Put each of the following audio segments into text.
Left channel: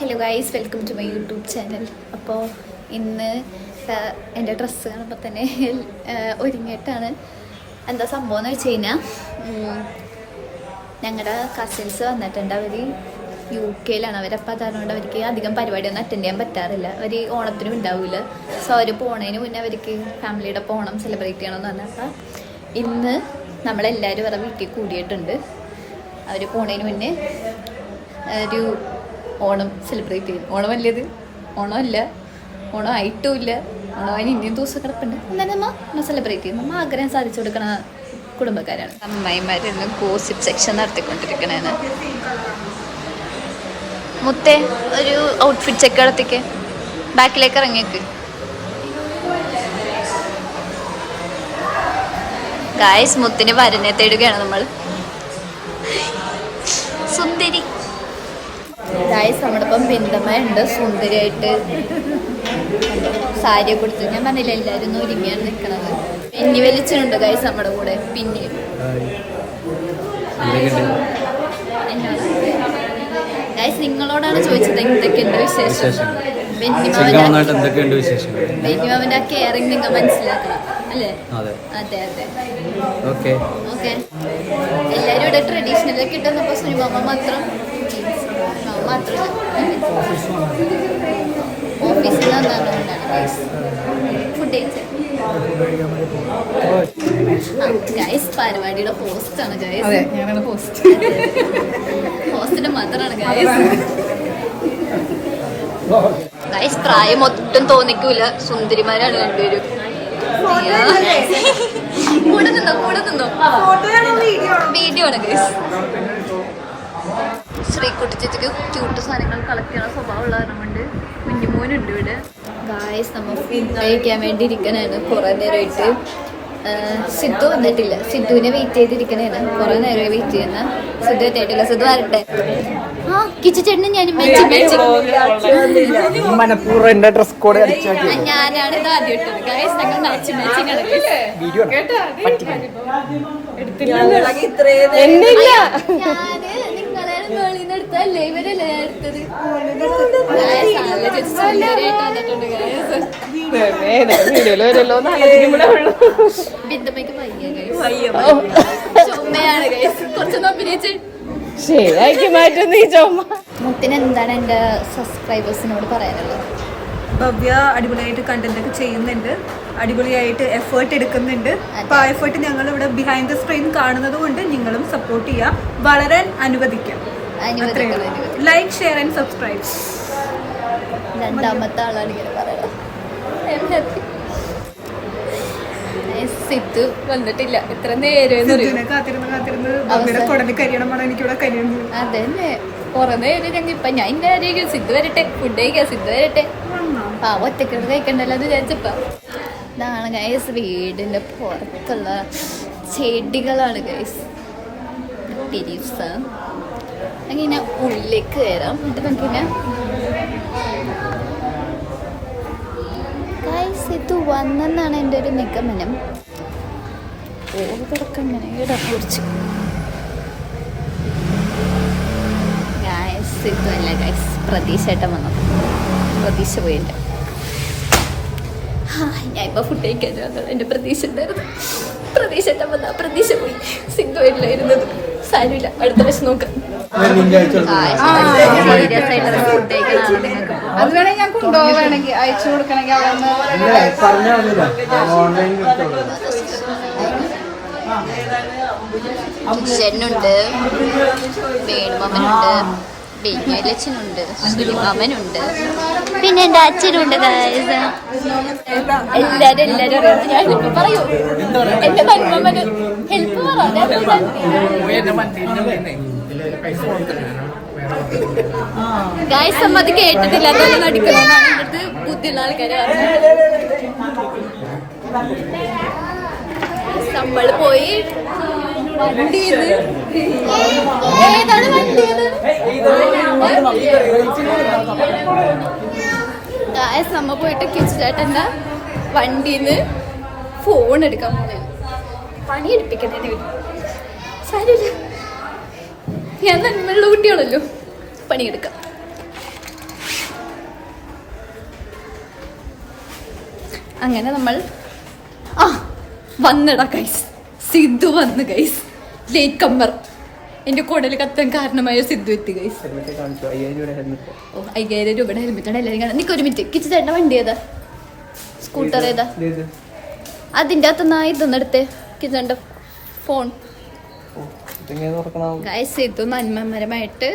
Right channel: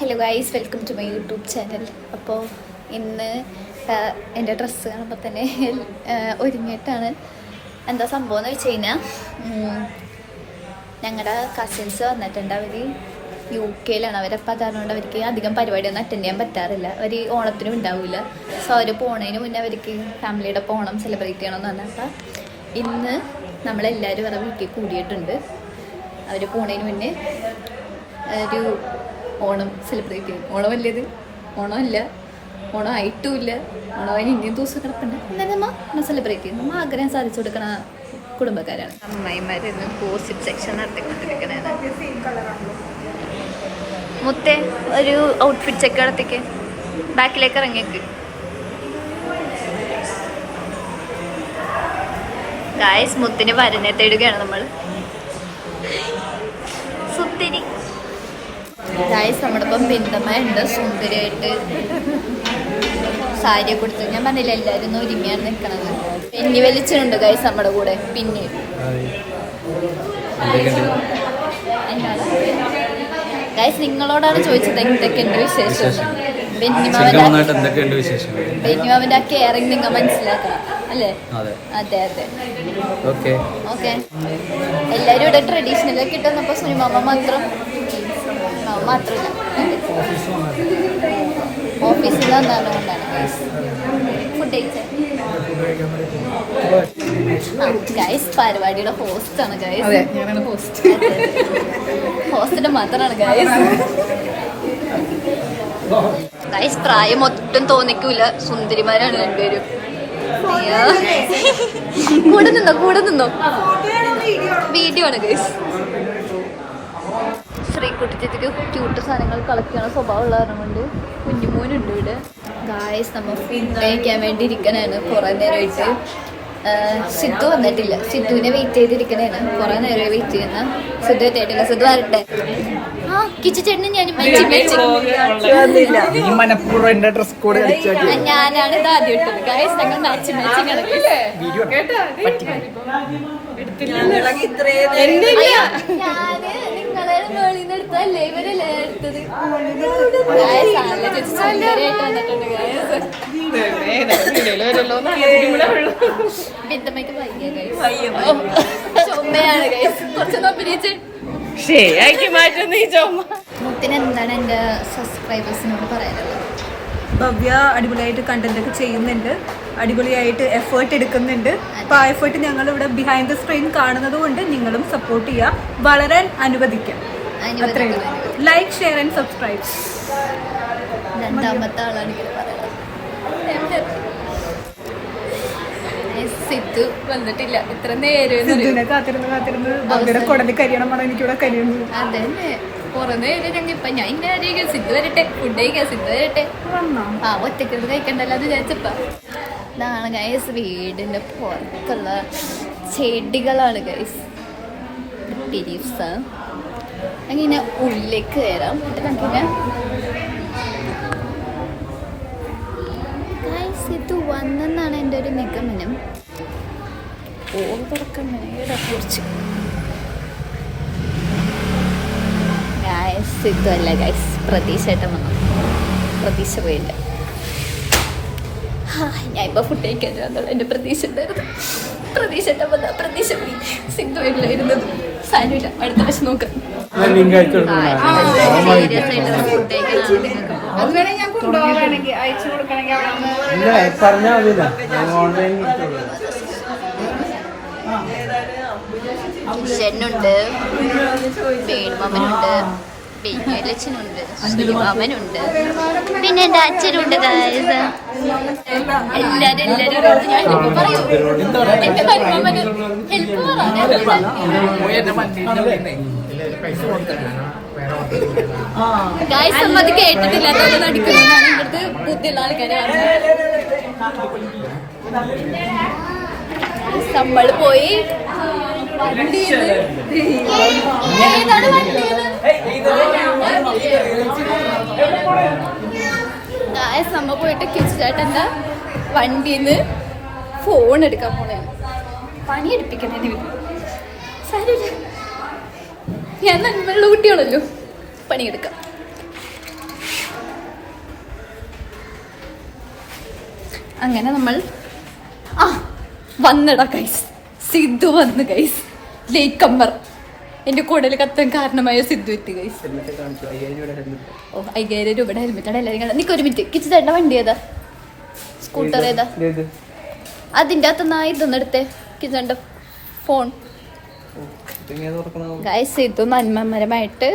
Hello guys, welcome to my YouTube channel. അപ്പോൾ ഇന്ന് എൻ്റെ ഡ്രസ്സ് കാണുമ്പോൾ തന്നെ ഒരുങ്ങിയിട്ടാണ്. എന്താ സംഭവം എന്ന് വെച്ച് കഴിഞ്ഞാൽ, ഞങ്ങളുടെ കസിൻസ് വന്നിട്ടുണ്ട്. അവർ UK-ലാണ്. അവരപ്പോൾ അതുകൊണ്ട് അവർക്ക് അധികം പരിപാടിയൊന്നും അറ്റൻഡ് ചെയ്യാൻ പറ്റാറില്ല. അവർ ഓണത്തിനും ഉണ്ടാവില്ല. സോ അവർ പോണതിന് മുന്നേ അവർക്ക് ഫാമിലിയുടെ ഒപ്പം ഓണം സെലിബ്രേറ്റ് ചെയ്യണമെന്ന് പറഞ്ഞപ്പോൾ ഇന്ന് നമ്മളെല്ലാവരും അവരുടെ വീട്ടിൽ കൂടിയിട്ടുണ്ട്. അവർ പോണതിന് മുന്നേ ഒരു ഓണം സെലിബ്രേറ്റ് ചെയ്യും. ഓണമല്ലത്, ഓണമല്ല, ഓണം ആയിട്ടുമില്ല, ഓണത്തിന് ഇനിയും ദിവസം കിടപ്പുണ്ട്. എന്നാലും നമ്മൾ സെലിബ്രേറ്റ് ചെയ്യും. നമ്മൾ ആഗ്രഹം സാധിച്ചു കൊടുക്കണ കുടുംബക്കാരാണ്. അമ്മായിമാരിന്ന് ഗോസിപ്പ് സെക്ഷൻ നടത്തിക്കൊണ്ടിരിക്കണേന്ന്. മുത്തേ, ഒരു ഔട്ട്ഫിറ്റ് ചെക്ക് നടത്തിക്ക്, ബാക്കിലേക്ക് ഇറങ്ങിക്ക്. ഗായ്സ്, മുത്തിന് വരനെ തേടുകയാണ് നമ്മൾ. സുന്ദരി ഗായ്സ്, നമ്മുടെ ഇപ്പം ബിന്ദമ്മ ഉണ്ട്, സുന്ദരിയായിട്ട് സാരി കൊടുത്തു. ഞാൻ പറഞ്ഞില്ല, എല്ലാവരും ഒരുങ്ങിയാണ് നിൽക്കണത്. പിന്നെ വലിച്ചുണ്ട് ഗായ്സ് നമ്മുടെ കൂടെ. പിന്നെ എന്നോട് ഗായ്സ്, നിങ്ങളോടാണ് ചോദിച്ചത് എന്തൊക്കെയുണ്ട് വിശേഷം. ബെന്നിമാവന്റെ ആ കെയറിങ് നിങ്ങൾ മനസ്സിലാക്കണം അല്ലേ? അതെ അതെ. ഓക്കെ, എല്ലാരും ഇവിടെ ട്രഡീഷണൽ കിട്ടുന്നപ്പോ സുനിമാമ മാത്രമില്ല, ഓഫീസിൽ വന്നാണ് കൊണ്ടാണ് ഫുഡ് കഴിച്ചത്. ഗൈസ്, പരിപാടിയുടെ ഹോസ്റ്റാണ് ഗൈസ്. ഹോസ്റ്റിന്റെ മാത്രമാണ് ഗൈസ്. പ്രായം ഒട്ടും തോന്നിക്കൂല, സുന്ദരിമാരാണ് രണ്ടുപേരും. കൂടെ നിന്നോ വീഡിയോ ആണ് ഗൈസ്. ശ്രീകുട്ടി ചേച്ചിക്ക് ക്യൂട്ട് സാധനങ്ങൾ കളക്ട് ചെയ്യണ സ്വഭാവമുള്ള കാരണം കൊണ്ട് കുഞ്ഞുമോനുണ്ട് ഇവിടെ. ഗായ്സ്, നമ്മൾ ഫുഡ് കഴിക്കാൻ വേണ്ടി ഇരിക്കണേണ് കുറേ നേരമായിട്ട്. സിദ്ധു വന്നിട്ടില്ല. സിദ്ധുവിനെ വെയിറ്റ് ചെയ്തിരിക്കണേണ്. കുറേ നേരം വെയിറ്റ് ചെയ്യുന്ന. സിദ്ധു എത്തിയിട്ടില്ല. സിദ്ധു വരട്ടെ. കിച്ചേട്ടനും ഞാനാണ് ഇത് ആദ്യം ഇട്ടത് ഗായ്സ്. ഞങ്ങൾ മാച്ചിങ് നിങ്ങളെ എടുത്തല്ലേ ഇവരല്ലേ എടുത്തത്. ബിന്ദമ്മയ്ക്ക് വയ്യ ഗൈസ്, ചുമ്മയാണ് ഗൈസ്. കുറച്ചൊന്നും അഭിനയിച്ച് മുത്തിന് എന്താണ് എൻ്റെ സബ്സ്ക്രൈബേഴ്സിനോട് പറയാനുള്ളത്? ഭവ്യ അടിപൊളിയായിട്ട് കണ്ടന്റ് ഒക്കെ ചെയ്യുന്നുണ്ട്, അടിപൊളിയായിട്ട് എഫേർട്ട് എടുക്കുന്നുണ്ട്. അപ്പൊ ആ എഫേർട്ട് ഞങ്ങൾ ഇവിടെ ബിഹൈൻഡ് ദ സ്ക്രീൻ കാണുന്നത് കൊണ്ട് നിങ്ങളും സപ്പോർട്ട് ചെയ്യുക, വളരാൻ അനുവദിക്കാം. അത്രേ ഉള്ളൂ. Like, share and subscribe. രണ്ടാമത്തെ ആളാണ് ഇങ്ങനെ പറയുന്നത്. സിദ്ധു വന്നിട്ടില്ല. എത്ര നേരം കാത്തിരുന്ന് ഭവ്യയുടെ കുടലിൽ കരിയണം. എനിക്കിവിടെ കരിയുന്നു. അതന്നെ കുറെ നേരം കഴിഞ്ഞ് ഇപ്പൊ ഞാൻ എന്റെ ആരെയും സിദ്ധു വരട്ടെ, ഫുഡ് കഴിക്കാം, സിദ്ധു വരട്ടെ. ആ ഒറ്റയ്ക്കോട് കഴിക്കണ്ടല്ലോ അത് വിചാരിച്ചപ്പ. ഇതാണ് ഗൈസ് വീടിന്റെ പുറത്തുള്ള ചെടികളാണ് ഗൈസ്. ലീവ്സ് അങ്ങനെ ഉള്ളിലേക്ക് കയറാം. എന്നിട്ട് നമുക്ക് ഗൈസ് ഇത് വന്നെന്നാണ് എൻ്റെ ഒരു നിഗമനം. തുറക്കുന്നതിനെ കുറിച്ച് ഗൈസ് ഇതല്ല ഗൈസ്, പ്രതീക്ഷയായിട്ട് വന്നു. പ്രതീക്ഷ പോയില്ല. ഞാൻ ഇപ്പൊ ഫുഡ് കഴിക്കാൻ വന്നോളൂ. എൻ്റെ പ്രതീക്ഷ ഉണ്ടായിരുന്നു. പ്രതീക്ഷ വന്ന പ്രതീക്ഷ പോയി. സിംഗിളായിരുന്നത് സാരില്ല. അടുത്ത വർഷം നോക്കാം. സീരിയസ് ആയിട്ടുള്ള ഫുഡ് കഴിക്കാനാണ്. കിഷനുണ്ട്, വേണുമാമനുണ്ട്, ബേബിയലച്ചനുണ്ട്, സുനിമാമനുണ്ട്, പിന്നെ എൻ്റെ അച്ഛനുണ്ട്. എല്ലാരും ഞാൻ പറയൂ. എന്റെ മന്മന് ഹെൽപ്പ് ഗായ്സ്. അമ്മ അത് കേട്ടിട്ടില്ല, അതൊന്നും നടിക്കണമെന്നാണ് എൻ്റെ അടുത്ത് ബുദ്ധിയുള്ള ആൾക്കാരെ പറഞ്ഞത്. നമ്മൾ പോയി വണ്ടിയത് ഏതാണ് വണ്ടിയത് ഗായ്സ്. നമ്മ പോയിട്ട് കിച്ചേട്ടൻ്റെ വണ്ടിന്ന് ഫോൺ എടുക്കാൻ പോണേന്. പണിയെടുപ്പിക്കണേന് വേണ്ടി. സാരില്ല, ഞാൻ നന്മയുള്ള കുട്ടികളല്ലോ, പണിയെടുക്കാം. അങ്ങനെ നമ്മൾ വന്നടാ ഗൈസ്. സിദ്ധു വന്ന് ഗൈസ്. ലേറ്റ് കമ്മർ. എന്റെ കുടൽ കത്താൻ കാരണമായ സിദ്ധു എത്തി ഗൈസ്. 5000 രൂപയുടെ ഹെൽമെറ്റാണ് എല്ലാവരും കാണാൻ. നിക്ക് ഒരു മിനിറ്റ്. കിച്ചു ചേട്ടൻ്റെ വണ്ടി ഏതാ? സ്കൂട്ടർ ഏതാ? അതിൻ്റെ അകത്ത് ഇതൊന്നെടുത്തേ. കിച്ചന്റെ ഫോൺ. ഗൈസ് സിദ്ധു നന്മമരമായിട്ട്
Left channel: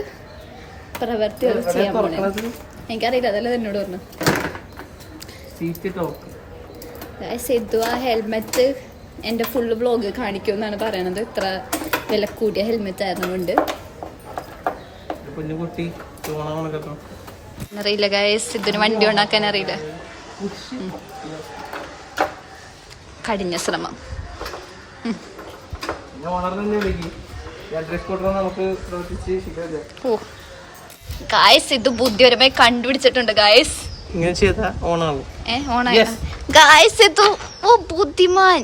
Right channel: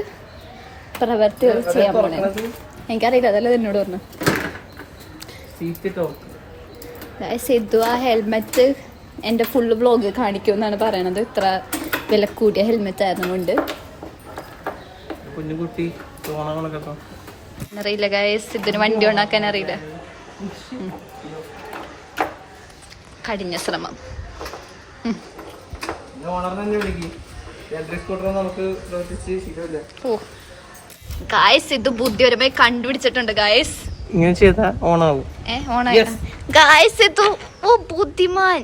പ്രവർത്തികൾ ചെയ്യാൻ പോണേ. എനിക്കറിയില്ല, അതല്ല എന്നോട് പറഞ്ഞു. സിദ്ധു ആ ഹെൽമെറ്റ് എൻ്റെ ഫുള്ള് വ്ളോഗ് കാണിക്കുമെന്നാണ് പറയണത്. ഇത്ര വില കൂടിയ ഹെൽമെറ്റ് ആയിരുന്നുകൊണ്ട് അറിയില്ല ഗൈസ്. സിദ്ധുന് വണ്ടി ഉണ്ടാക്കാൻ അറിയില്ല. കഠിന ശ്രമം. ഓ ഗായ്സ്, ഇത് ബുദ്ധിപരമായി കണ്ടുപിടിച്ചിട്ടുണ്ട് ഗായ്സ്. ഗായ്സ് ഇത് ബുദ്ധിമാൻ.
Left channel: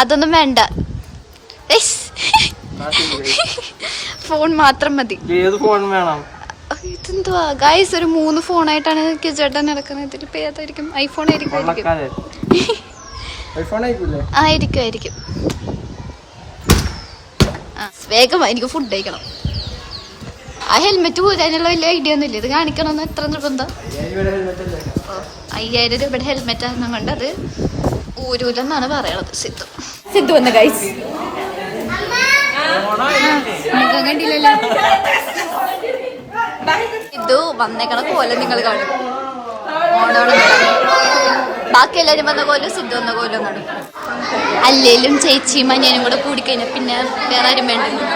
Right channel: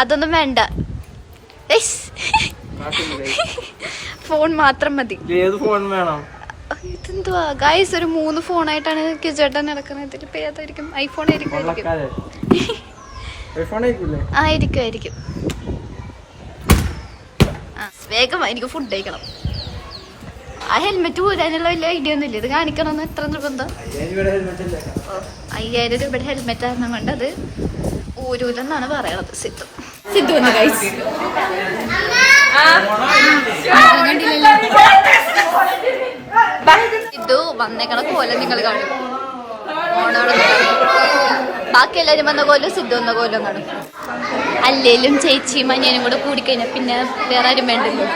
അതൊന്നും വേണ്ട, ഫോൺ മാത്രം മതി. ഇതെന്തുവാ ഗായ്സ്, ഒരു 3 ഫോണായിട്ടാണ് കിച്ചേട്ടൻ നടക്കുന്നത്. ഇതിൽ ഇപ്പൊ ഏതായിരിക്കും? ഐഫോൺ ആയിരിക്കും. വേഗം എനിക്ക് ഫുഡ് കഴിക്കണം. ആ ഹെൽമെറ്റ് ഊരാനുള്ള വലിയ ഐഡിയ ഒന്നും ഇല്ല. ഇത് കാണിക്കണമെന്ന് എത്ര നിർബന്ധം? 5000 രൂപയുടെ ഹെൽമെറ്റ് ആയിരുന്നു കൊണ്ട് അത് ഊരൂലെന്നാണ് പറയണത്. സിദ്ധു വന്ന് കഴിച്ചു. കണ്ടില്ലല്ലോ സിദ്ധു വന്നേക്കണ പോലെ നിങ്ങൾ കാണും. ഓണോളൊന്നും കാണും. ബാക്കി എല്ലാവരും വന്ന കോലും സിദ്ധു വന്ന കോലും കാണും. അല്ലേലും ചേച്ചിയും അനിയനും കൂടെ കൂടിക്കഴിഞ്ഞാൽ പിന്നെ വേറെ ആരും വേണ്ടല്ലോ.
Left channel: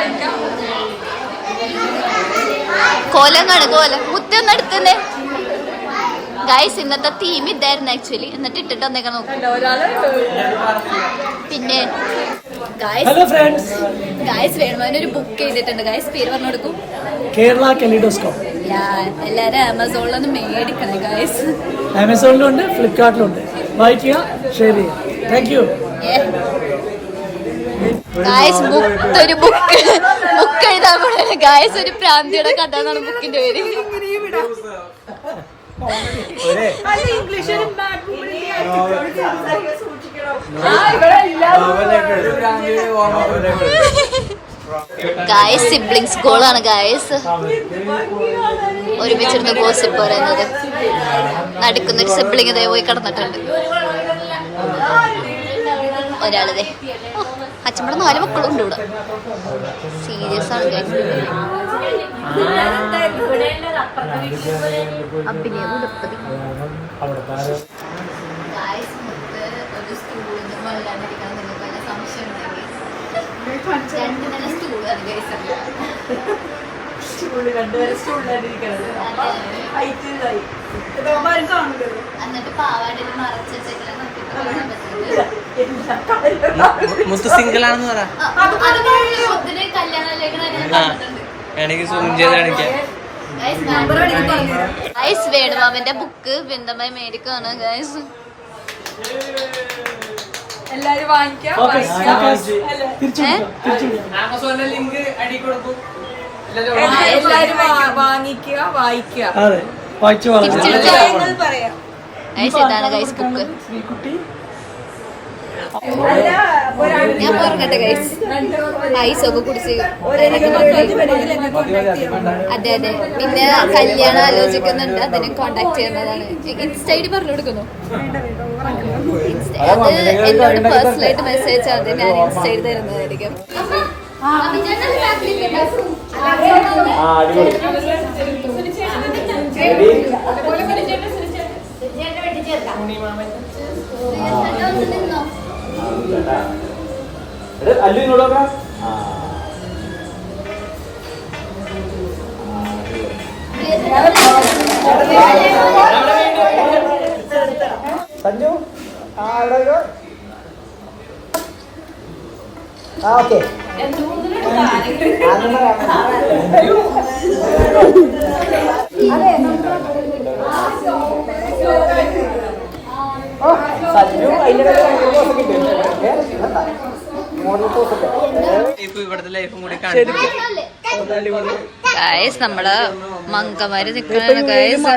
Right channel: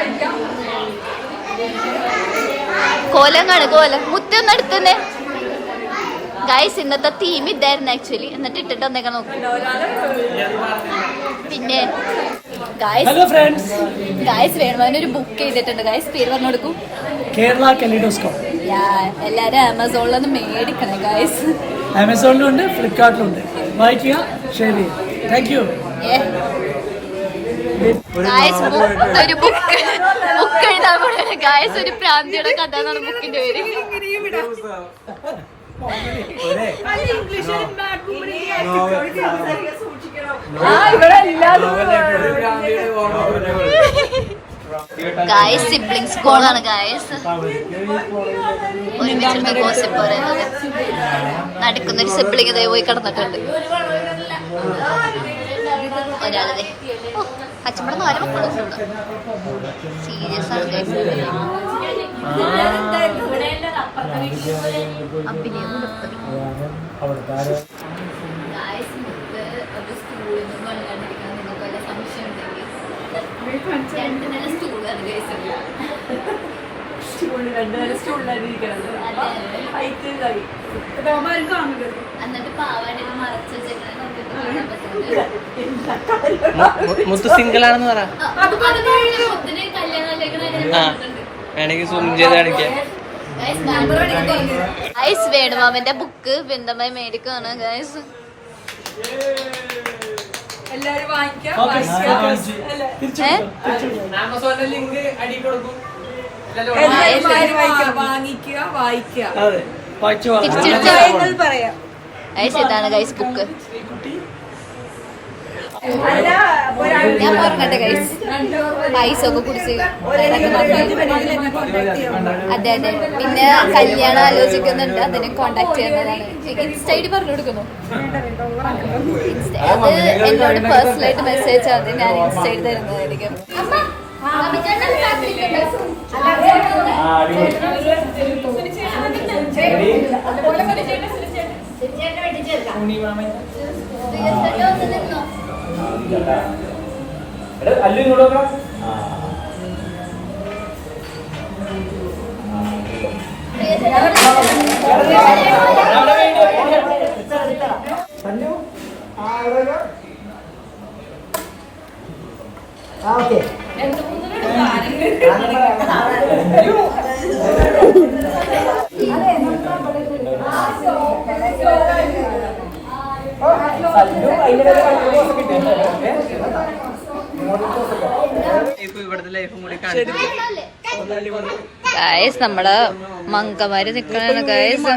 കോലം കാണും. കോലം മുത്തൊന്നും അടുത്തന്നെ ഗായ്സ്. ഇന്നത്തെ തീം ഇതായിരുന്നു ആക്ച്വലി. എന്നിട്ട് ഇട്ടിട്ട് വന്നേക്കാൻ നോക്കും. പിന്നെ ഗായ്സ് വേണമാനൊരു ബുക്ക് ചെയ്തിട്ടുണ്ട് ഗായ്സ്. പേര് പറഞ്ഞു കൊടുക്കും. കേരള കലിഡോസ്കോപ്പ്. എല്ലാരും ആമസോണിലൊന്ന് മേടിക്കണേ ഗായ്സ്. ആമസോണിലുണ്ട്, ഫ്ലിപ്കാർട്ടിലുണ്ട്. വായിക്കുക, ഷെയർ ചെയ്യുക. Thank you guys. ഒരു ബുക്ക് എഴുതാൻ പോണേ ഗായ്സ്. ഒരു പ്രാന്തിയുടെ കഥ എന്നാണ് ബുക്കിന്റെ പേര്. ഗായ്സ് സിബ്ലിങ്സ് ഗോളാണ് ഗായ്സ്. ഒരുമിച്ചിരുന്ന് ഗോസിപ്പ് പറയുന്നത്. നടക്കുന്നൊരു സിബ്ലിങ് ഇതേ പോയി കിടന്നിട്ടുണ്ട്. ഒരാളിതേ. അച്ഛമ്മടെ 4 മക്കളും ഉണ്ട് ഇവിടെ. സീരിയസ് ആണ്. അഭിനയം എന്നിട്ട് പാവാടിൽ മറച്ചു മുത്ത് സിംഗിൾ ആണെന്ന് പറ. ഗൈസ് വേണുമാമന്റെ ബുക്ക് ബിന്ദമായി മേടിക്കാണ് ഗൈസ്. ഇതാണ് ഗൈസ് ബുക്ക്. ഞാൻ പറഞ്ഞട്ടെ ഗൈസ്. പൈസ ഒക്കെ കുടിച്ച് അതെ. പിന്നെ കല്യാണം ആലോചിക്കുന്നുണ്ട്. അതിനെ കോണ്ടാക്ട് ചെയ്യുന്നതാണ്. ഇൻസ്റ്റ ഐഡി പറഞ്ഞു കൊടുക്കുന്നു. അത് എന്നോട് പേഴ്സണലായിട്ട് മെസ്സേജ് ആണ്. ഞാൻ ഇൻസ്റ്റ ഐഡി തരുന്നതായിരിക്കും. ഓക്കെ. ഇവിടുത്തെ ലൈഫും കൂടി കാണിച്ചു. ഗായ്സ് നമ്മള് മങ്കമാര് നിക്കണ ഗായ്സ്.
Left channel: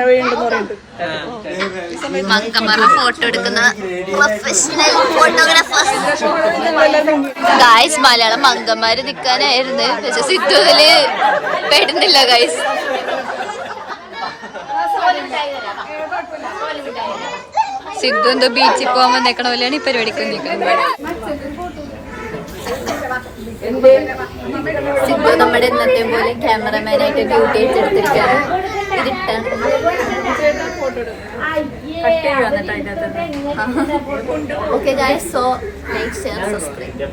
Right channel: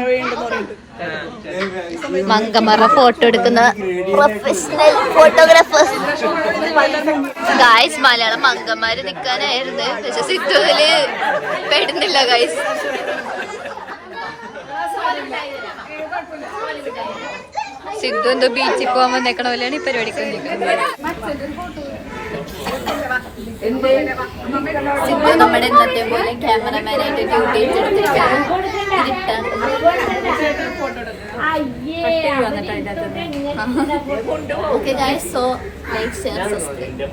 മങ്കമാരുടെ ഫോട്ടോ എടുക്കുന്ന പ്രൊഫഷണൽ ഫോട്ടോഗ്രാഫേഴ്സ്. ഗായ്സ് മലയാളം മങ്കമാര് നിക്കാനായിരുന്നു, പക്ഷെ സിദ്ധു ഇതില് പെടുന്നില്ല ഗായ്സ്. സിദ്ധു എന്തോ ബീച്ചിൽ പോകാൻ വന്നേക്കണ പോലെയാണ് ഈ പരിപാടിക്ക് നിൽക്കുന്നത്. സിദ്ധു നമ്മുടെ ഇന്നത്തെ പോലെ ക്യാമറമാനായിട്ട് ഡ്യൂട്ടി ഏറ്റെടുത്തിരിക്കുകയാണ്. ഇരുട്ടാണ്. Okay guys, so like share subscribe.